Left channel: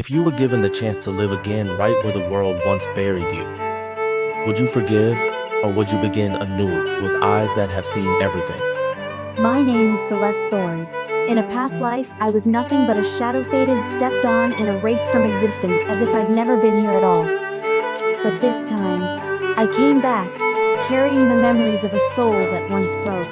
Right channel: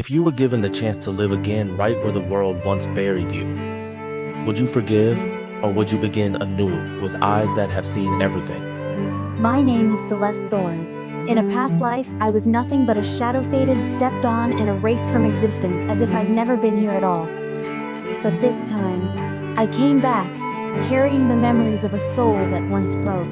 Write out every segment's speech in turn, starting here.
If you were given the chance to live again right where the world once buried you, would you forgive, or would you begin anew with eyes that have seen everything? My name is Celeste Thorne. In a past life, I was nothing but a shadow faded, stepped on, and erased from existence as if I'd never been here at all. But this time, I came back, carrying the memories of a soul that once broke.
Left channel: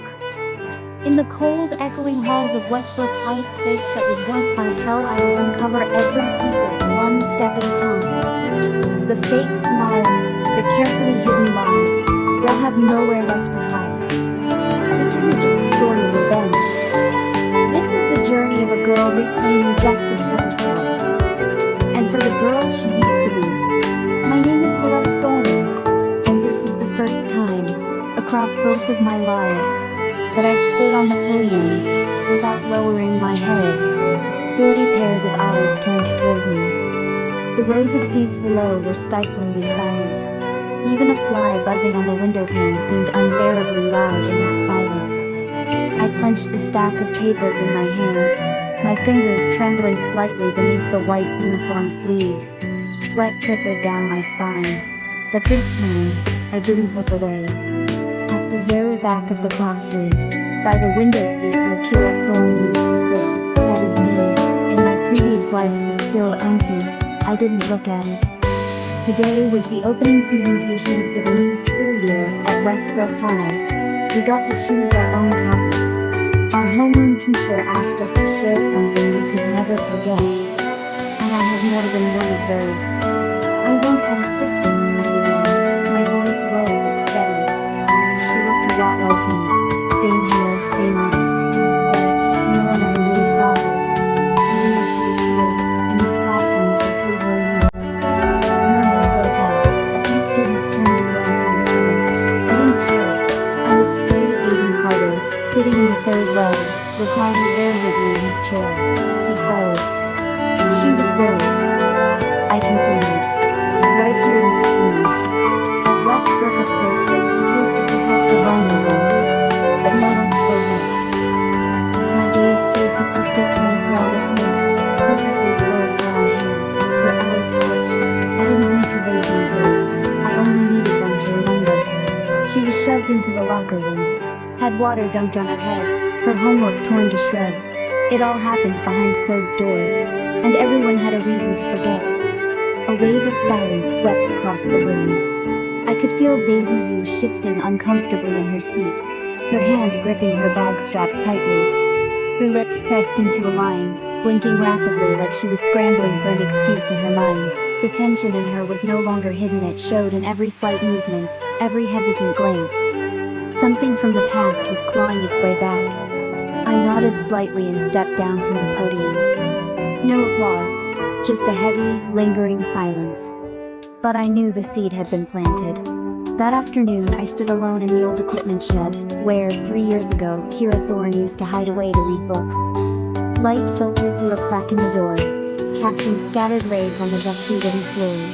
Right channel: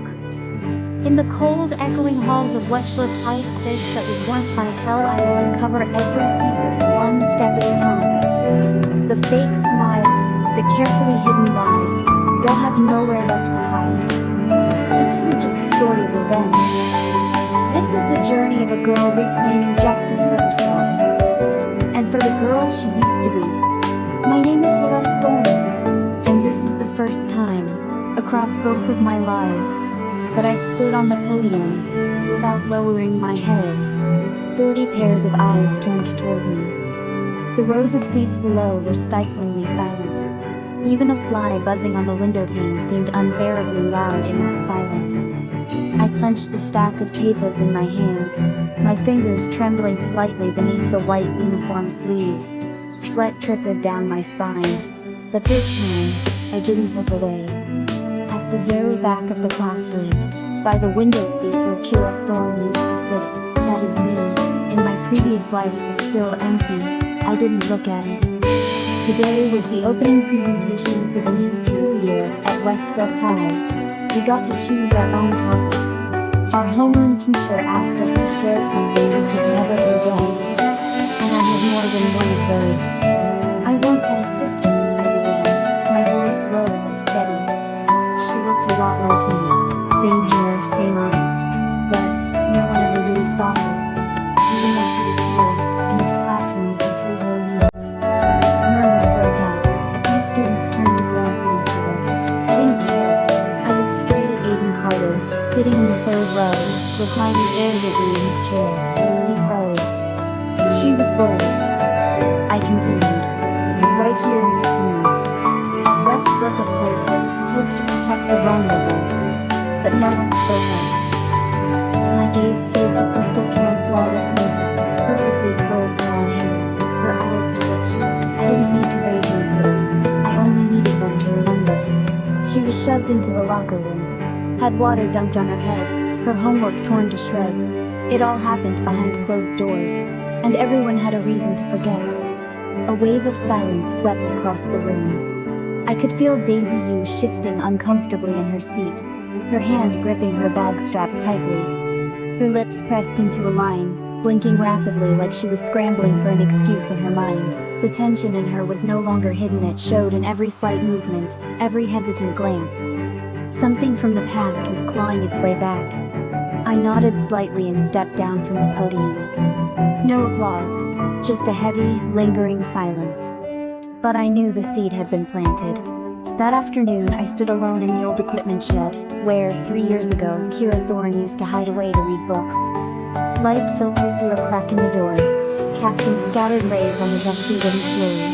In the cold, echoing halls of Westbrook Heights, place that was once my hell, I will uncover every secret, one step at a time. The fake smiles, the carefully hidden lies, they'll have nowhere left to hide. This isn't just a story of revenge. This is the journey of a girl reclaiming justice for herself, and for the girl she used to be. My name is Celeste Thorne, and this is the first time, across both of my lives, that I stood on the podium, without lowering my head. 40 pairs of eyes turned toward me. The rows of seats below were stiflingly silent. Even a fly buzzing on the window pane seemed unbearably loud in that silence. I clenched the stack of papers in my hand, my fingers trembling slightly beneath the white uniform sleeves. Sweat trickled down my spine. But this time, I didn't look away. At the very back of the classroom, by the window seat where Celeste Thorne used to sit, that is me, in my previous life, was still empty. I didn't look at it. Today was the opening presentation for the new school year at Westbrook High. We got to choose our own topics. Our homeroom teacher asked us to share something we could never forget. And I had more than one of those. I once had a sister, I began, my voice low but steady. She looked a lot like me. Same hair, same eyes. But no one ever really saw her. Even though she was here, in this classroom for 3 whole years. Murmurs broke out. A few students turned to glance at each other. I didn't care. I looked straight at Aiden Carter, sitting in the third row, reclining irritably in his chair. He froze. She was worried. I continued. Right here in this room. At Westbrook, of course, they were supposed to protect the vulnerable. But no one spoke up. My gaze saved a crystal clean flawless hair, perfectly curled brown hair, her eyes delicious. I didn't need to raise my voice. I only needed them to remember. She was shoved into the locker room, had water dumped on her head, her homework torn to shreds. It all happened behind closed doors, and everyone had a reason to forget. A wave of silence swept across the room. I could feel Daisy Yu shifting uncomfortably in her seat, her hand gripping her bag strap tightly. Her lips pressed into a line, blinking rapidly like she was scrambling for an excuse in her mind. The tension in her was no longer hidden, it showed in every slight movement, every hesitant glance. Something from the past was clawing its way back. I nodded slightly and stepped down from the podium. No applause, just a heavy, lingering silence. But I knew the seed had been planted. That afternoon, I stood alone in the old equipment shed, where, 3 years ago, Kira Thorne used to hide away to read books. Light filtered through a crack in the door, casting scattered rays on the dusty wooden floors.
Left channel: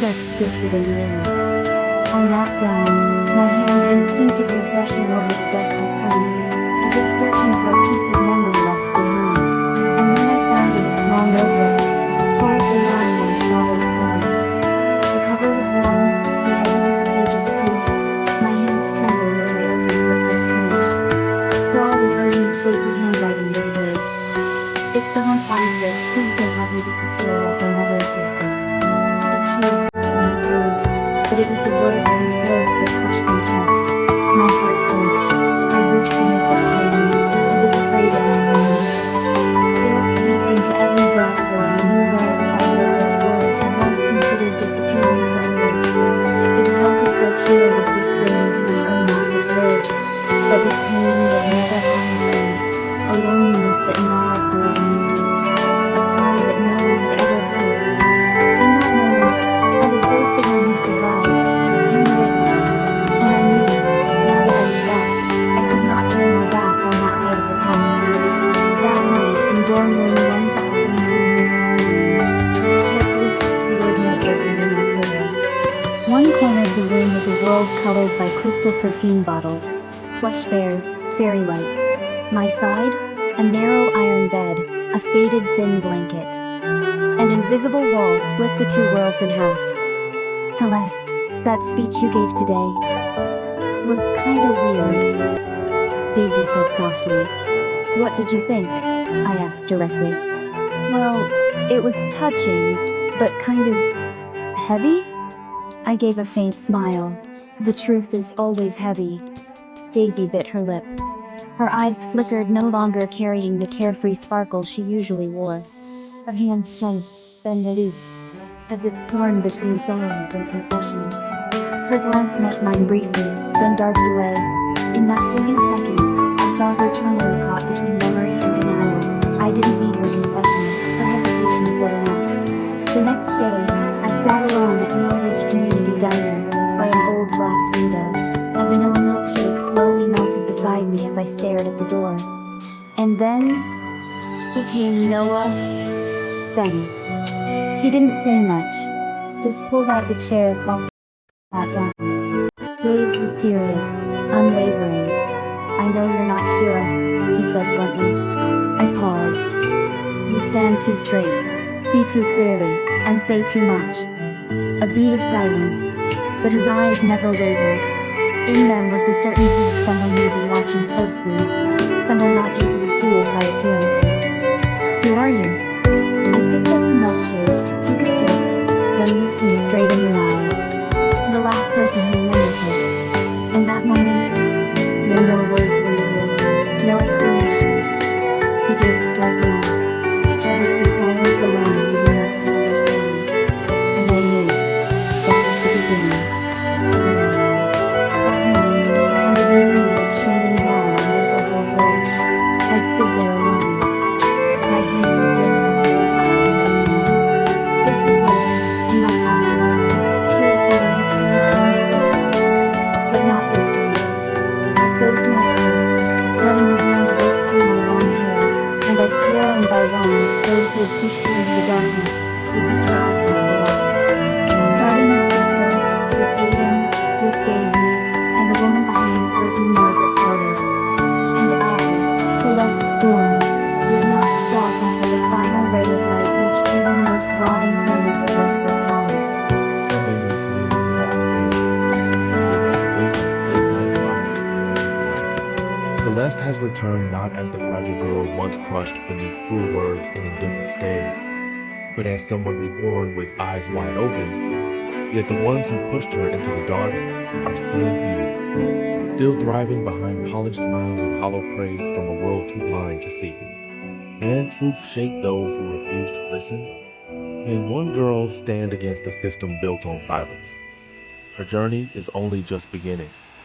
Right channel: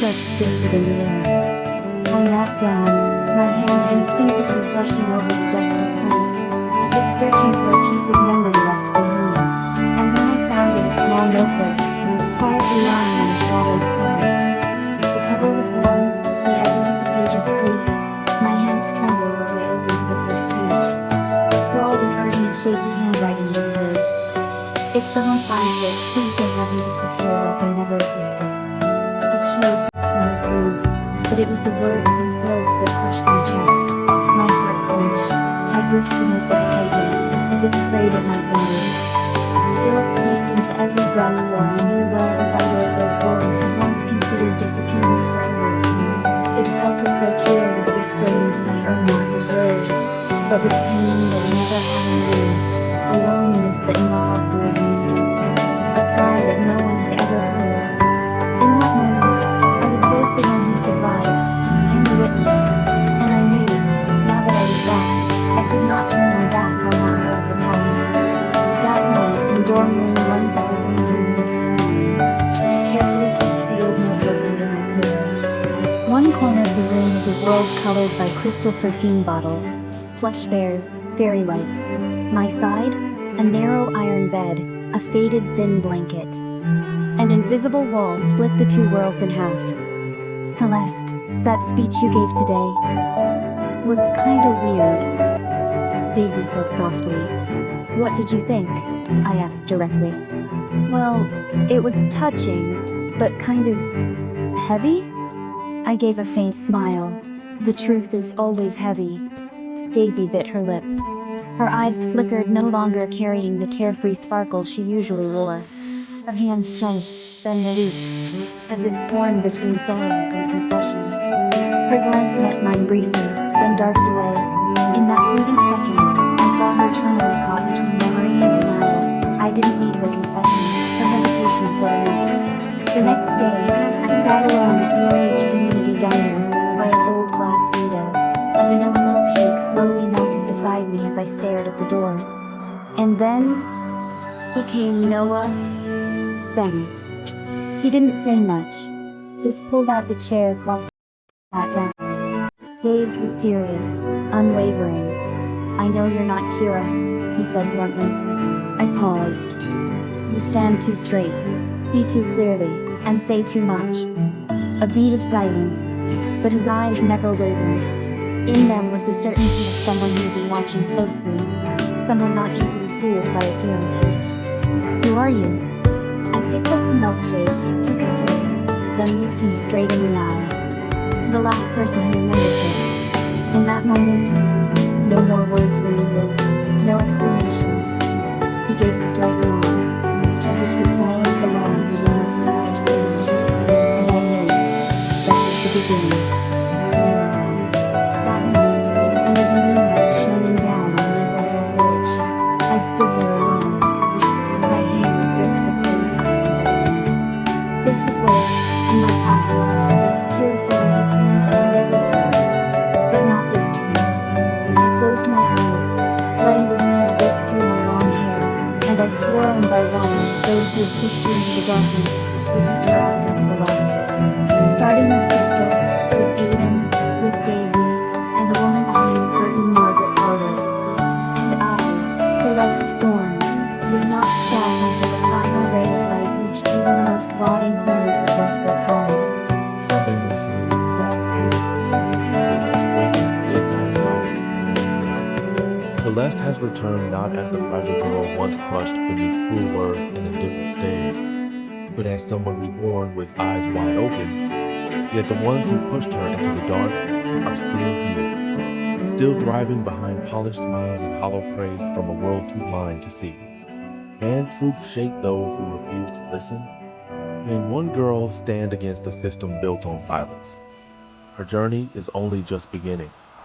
Dust drifted in the air. I knelt down, my hand instinctively brushing over the dust of plants, as if searching for a piece of memory left behind. And then I found it, a small notebook, quietly lying on a shawled cover. The cover was warm, the edges of the pages creased. My hands trembled as I opened the first page. Scrawled in urgent, shaky handwriting were the words. If someone finds this, please don't let me disappear like I never existed. It choked, my words, but it was the words themselves that crushed my chest. My heart clenched. I gripped the notebook tightly, as if afraid it might land. Guilt seeped into every breath, for I knew well if I wrote those words had once considered disappearing forever. It felt as though Kira was whispering into my own massive words, but with pain that never had a name, a loneliness that gnawed for existence, a cry that no one had ever heard. In that moment, I was both the one who survived, and the witness, and I knew, now that I was back, I could not turn my back on that part of the past. That night, in dorm room 1259, I carefully tucked the old notebook under my pillow. One corner of the room was a world colored by crystal perfume bottles, plush bears, fairy lights. My side, a narrow iron bed, a faded thin blanket. An invisible wall split the two worlds in half. Celeste, that speech you gave today was kinda weird, Daisy said softly. What did you think? I asked directly. Well, it was touching, but kind of heavy? I gave a faint smile. The truth is always heavy. Daisy bit her lip. Her eyes flickered, no longer carrying the carefree sparkle she usually wore. Her hands sank, then loosed, as if torn between silence and confession. Her glance met mine briefly, then darted away. In that fleeting second, I saw her eternally caught between memory and denial. I didn't need her confession. Her hesitation said enough. The next day, I sat alone at the RH Community Diner, by an old glass window. A vanilla milkshake slowly melted beside me as I stared at the door. And then, he came, Noah. Then. He didn't say much. Just pulled out the chair across sat down. Gaze was serious, unwavering. I know you're not Kira, he said bluntly. I paused. You stand too straight, see too clearly, and say too much. A beat of silence, but his eyes never wavered. In them was the certainty of someone who had been watching closely, someone not easily fooled by appearances. Who are you? I picked up the milkshake, took a sip, then looked him straight in the eye. The last person who remembered him. In that moment, no more words were needed, no explanations. He gave a slight nod, as if the silence alone was enough to understand. And I knew that was the beginning. That night, under the moonlight shining down on Maple Hill Village, I stood there alone. My hand gripped the cold iron wind. This was where, in my past life, Kira Thorne had sworn to end everything. But not this time. I closed my eyes, letting the wind whip through my long hair, and I swore one by one that those who had pushed me into the darkness would be dragged into the light. Starting with Crystal, with Aiden, with Daisy, and the woman behind the curtain, Margaret Carter. And I, Celeste Thorne, would not stop until the final ray of light reached even the most rotting corners of Rebirth Hollow. Celeste has returned not as the fragile girl once crushed beneath cruel words and indifferent stares, but as someone reborn with eyes wide open. Yet the ones who pushed her into the dark are still here, still thriving behind polished smiles and hollow praise from a world too blind to see. Can truth shake those who refuse to listen? Can one girl stand against a system built on silence? Her journey is only just beginning.